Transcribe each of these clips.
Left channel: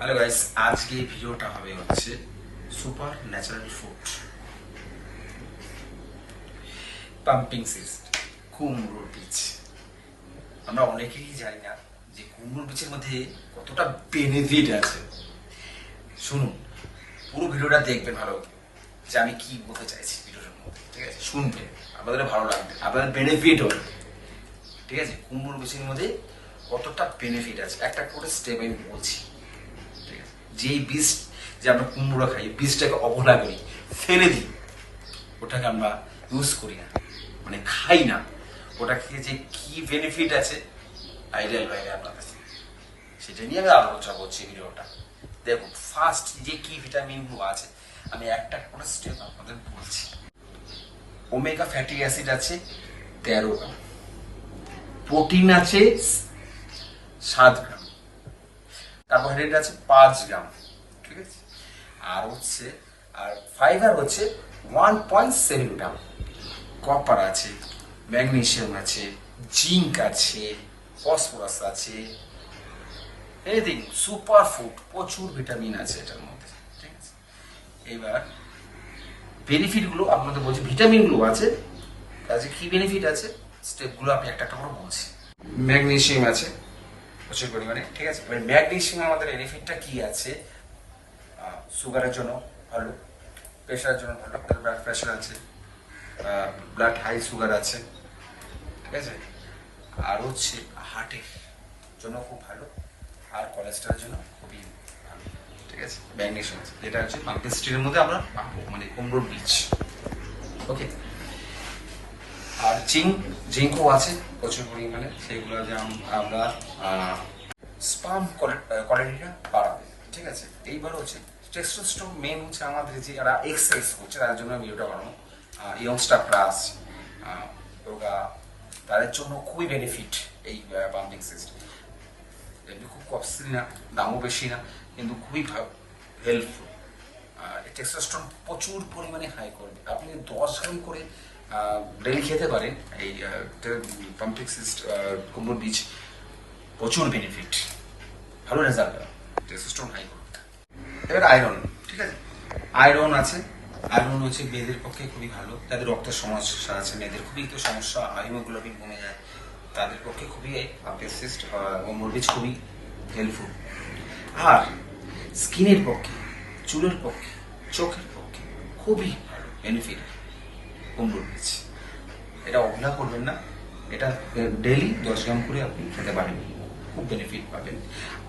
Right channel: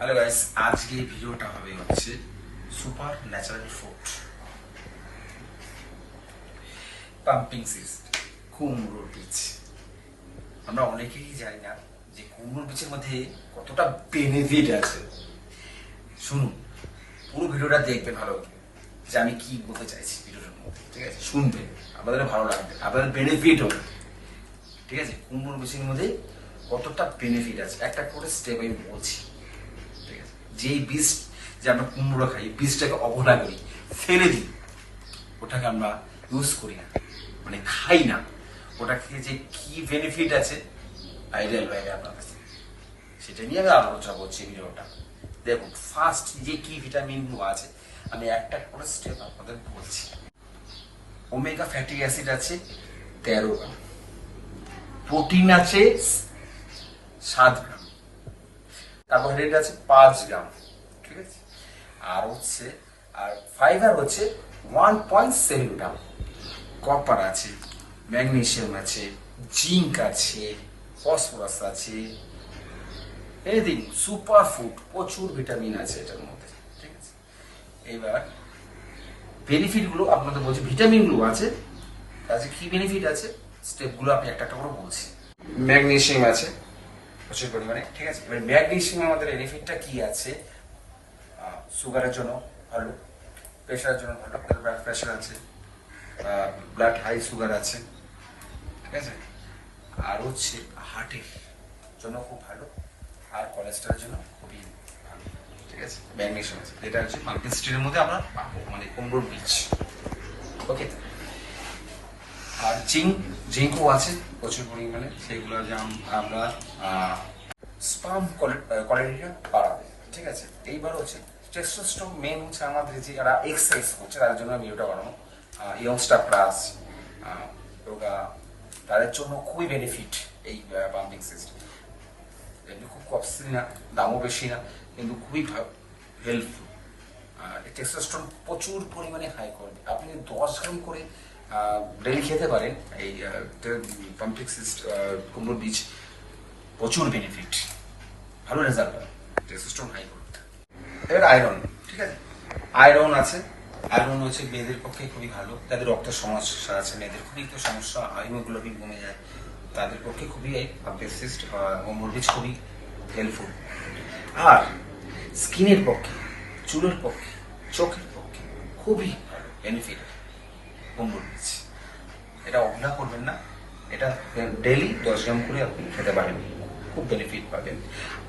Hello guys, আজকে ভিডিওটা হবে হচ্ছে super natural food pumping cyst কুমড়োর বীজ। আমরা অনেকেই জানি না যে কুমড়োর বীজের মধ্যে কতটা বেনিফিট আছে। শুনুন, পুরো ভিডিওটা দেখবেন ভালো, যে আমি কি বলতে চাইছি ভিডিওটার মধ্যে। ঠিক আছে, শুনবেন, আমাদের ভালো লাগবে, আপনাদের বেনিফিট হবে। ঠিক আছে, কুমড়োর বীজের মধ্যে কতটা বেনিফিট আছে একটা করে স্টেপ আমি বলছি। ঠিক আছে, যেই বীজ যে আমরা কুমড়ো খাই, বীজটাকে অবহেলা করি, ফেলে দিই, ওটাকে আমরা ইউজ করি না, মানে খাই না। ওটা থেকে যে কি বেনিফিট আছে আইডিয়াল বাইরে আপনাদের থেকে, সেটা নিয়ে আমি আলোচনা করছি ভিডিওটা। দেখুন, ফার্স্ট যে কি ভিটামিন গুলো আছে আমি একটা করে স্টেপ আপনাদের বলছি। ওমেগা ফ্যাটি অ্যাসিড আছে 13 গ্রাম, প্রোটিন আছে 7 গ্রাম, কার্বোহাইড্রেট আছে 5 গ্রাম। ঠিক আছে, আর হচ্ছে ফাইবার হচ্ছে 1.7 গ্রাম, কপার আছে, ম্যাগনেসিয়াম আছে, জিঙ্ক আছে, ফসফরাস আছে, এনিথিং সুপার ফুড, প্রচুর ভিটামিন আছে এটার মধ্যে। ঠিক আছে, এইবার বেনিফিট গুলো আপনাদের বলছি, ভিটামিন গুলো আছে, কাজে কি বেনিফিট আছে স্টেপ গুলো আমি একটা একটা করে বলছি। ম্যাগনেসিয়াম আছে প্রচুর পরিমাণে। ঠিক আছে, ম্যাগনেসিয়াম আমাদের বেনিফিটটা কি আছে? সুগারের জন্য ভালো, প্রেশারের জন্য ভালো, ব্লাড প্রেশার আছে, ব্লাড হাই সুগার আছে। ঠিক আছে, আর হচ্ছে হার্টের জন্য খুব ভালো, আর কোলেস্ট্রলের জন্য খুবই ভালো। ঠিক আছে, ম্যাগনেসিয়াম আছে, এটা হচ্ছে পাম্পকিন সিডের মধ্যে আমরা পাবো, মানে কুমড়োর বীজ। ওকে, আর জিঙ্কও আছে প্রচুর পরিমাণে, সেগুলো যেমন আমরা স্পার্ম কোয়ালিটিটা বাড়াবে। ঠিক আছে, এইবার হচ্ছে টেস্টোস্টেরন মেন হচ্ছে আমাদের যে যারা এক্সারসাইজ করছে তার জন্য ভিডিওটা বানানো, ইয়ংস্টার প্লাস যোগা, তাদের জন্য খুবই বেনিফিট এই পাম্পিং সিস্টেম। এগুলো খুব কস্টলি না, দামও বেশি না, কিন্তু খুবই হেল্পফুল। টেস্টোস্টেরন প্রচুর পরিমাণে হাই করবে। আপনি 10 গ্রাম করে ডেলি খেতে পারেন এই পাম্পিং সিস্ট কুমড়োর বীজ, প্রচুর বেনিফিট, ভালো রেজাল্ট, টেস্টোস্টেরন হাই করবে। এবার আয়রন, ঠিক আছে, আয়রন আছে, আয়রন হচ্ছে মেয়েদের পক্ষে খুবই ভালো, যাদের রক্তের সমস্যা আছে, মেয়েদের খুবই একটু সমস্যা, হিমোগ্লোবিন কমে যায়, তাদের পক্ষে খুবই পাম্পিং সিস্ট কুমড়োর বীজ খুবই হেল্পফুল। আর স্কিনের পক্ষে, চুলের পক্ষে, চোখের পক্ষে খুবই ভালো বেনিফিট কুমড়োর বীজ। এটা অবহেলা করবেন না, এটা ডেইলি 10 গ্রাম করে আপনি খেতে পারেন, খুব বেনিফিট পাবেন।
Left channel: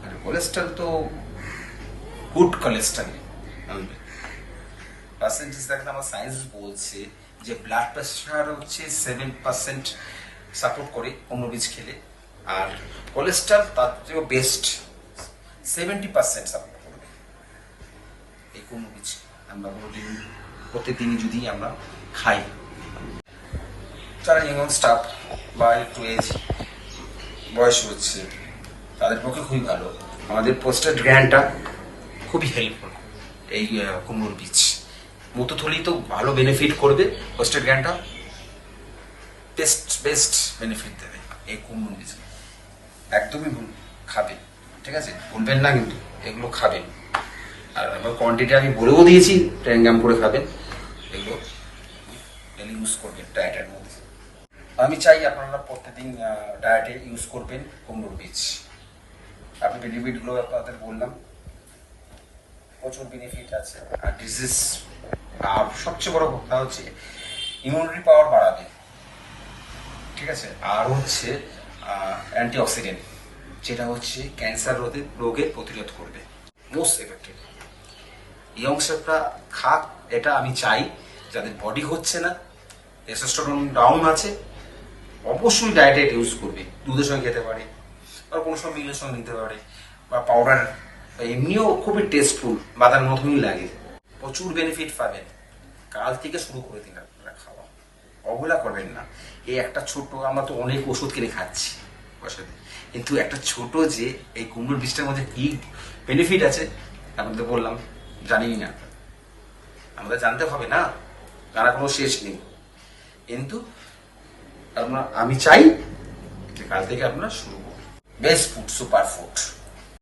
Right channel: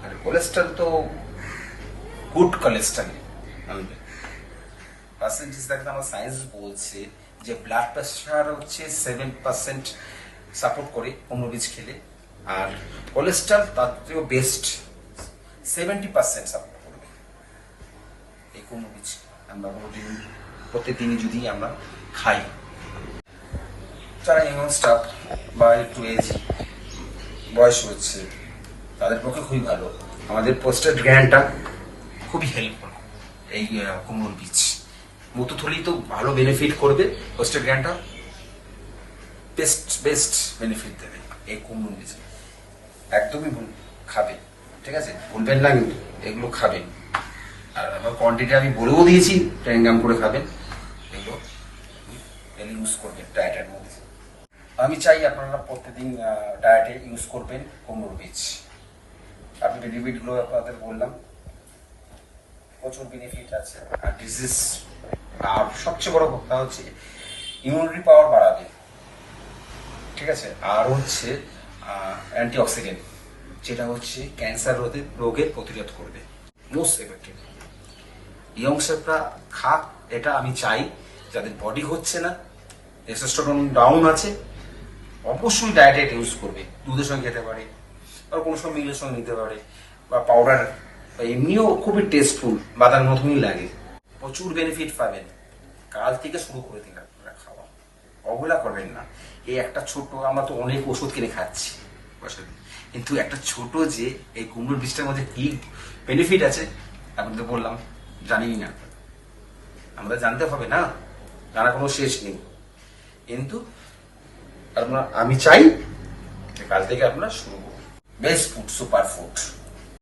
আর কোলেস্ট্রল তো গুড কোলেস্ট্রল আনবে। পার্সেন্টেজ দেখেন আমার সায়েন্স বলছে যে ব্লাড প্রেশার হচ্ছে 7% সাপোর্ট করে কুমড়ো বীজ খেলে, আর কোলেস্ট্রল তার থেকেও বেস্ট 70% সাপোর্ট করবে এই কুমড়ো বীজ। আমরা প্রতিদিনই যদি আমরা খাই, যারা ইয়ং স্টাফ বা একটু এজ বয়স হচ্ছে তাদের পক্ষে খুবই ভালো। আমাদের পোস্টেড গ্র্যান্ডটা খুবই হেল্পফুল এই কুমড়োর বীজ। মূত্রথলি তো ভালো বেনিফিট করবে, পোস্টেড গ্র্যান্ডটা বেস্ট বেনিফিট দেবে এই কুমড়োর বীজ। একদমই খাবে, ঠিক আছে, ভুলবেন না কিন্তু এগুলো খাবেন। আর আবার কোয়ান্টিটি আমি বলেও দিয়েছি, 10 গ্রাম করে খাবেন, এগুলো ইউজ করবেন ডায়েটের মধ্যে। আমি চাই আপনারা প্রত্যেকদিন ডায়েটে ইউজ করবেন কুমড়োর বীজ। আমি বেনিফিটগুলো আপনাদের বললাম, প্রচুর বেনিফিট আছে। আর ডিজিজ, আর সবচেয়ে বড় কথা হচ্ছে ইমিউনিটি পাওয়ার বাড়াবে। ঠিক আছে, আর হচ্ছে অ্যান্টিঅক্সিডেন্ট, যেটা হচ্ছে ক্যান্সার রোগের প্রতিরোধ করবে, মোস্ট এফেক্টিভ। ইয়ংস্টাররা খাক, এটা আমি চাই। যাদের বডি হচ্ছে না, টেস্টোস্টেরন ডাউন আছে, অবশ্যই ডায়েটে ইউজ করবে। দুধের সঙ্গে খেতে পারে, বা কোনো সময় মিলের সঙ্গে নিতে পারে, বা পাউডার, এমনিও খুবই টেস্টফুল, বাদামের মতনই লাগে, প্রচুর বেনিফিট পাবেন। কাল থেকে শুরু করে দিন আপনারা খাওয়া, অবহেলা করবেন না। এই একটা ছোট, আমরা তো অনেক ওষুধ কিনে খাচ্ছি বসাতে, কিন্তু একটা ছোট যে এই কুমড়োর বীজটার মধ্যে কি বেনিফিট আছে আপনাদের বললাম, জানিই না। আমরা জানতে হবে না, জানা কোনো শেষ নেই, কিন্তু আমি চাই যে কাল থেকে আপনারা শুরু করুন। Best food, super food.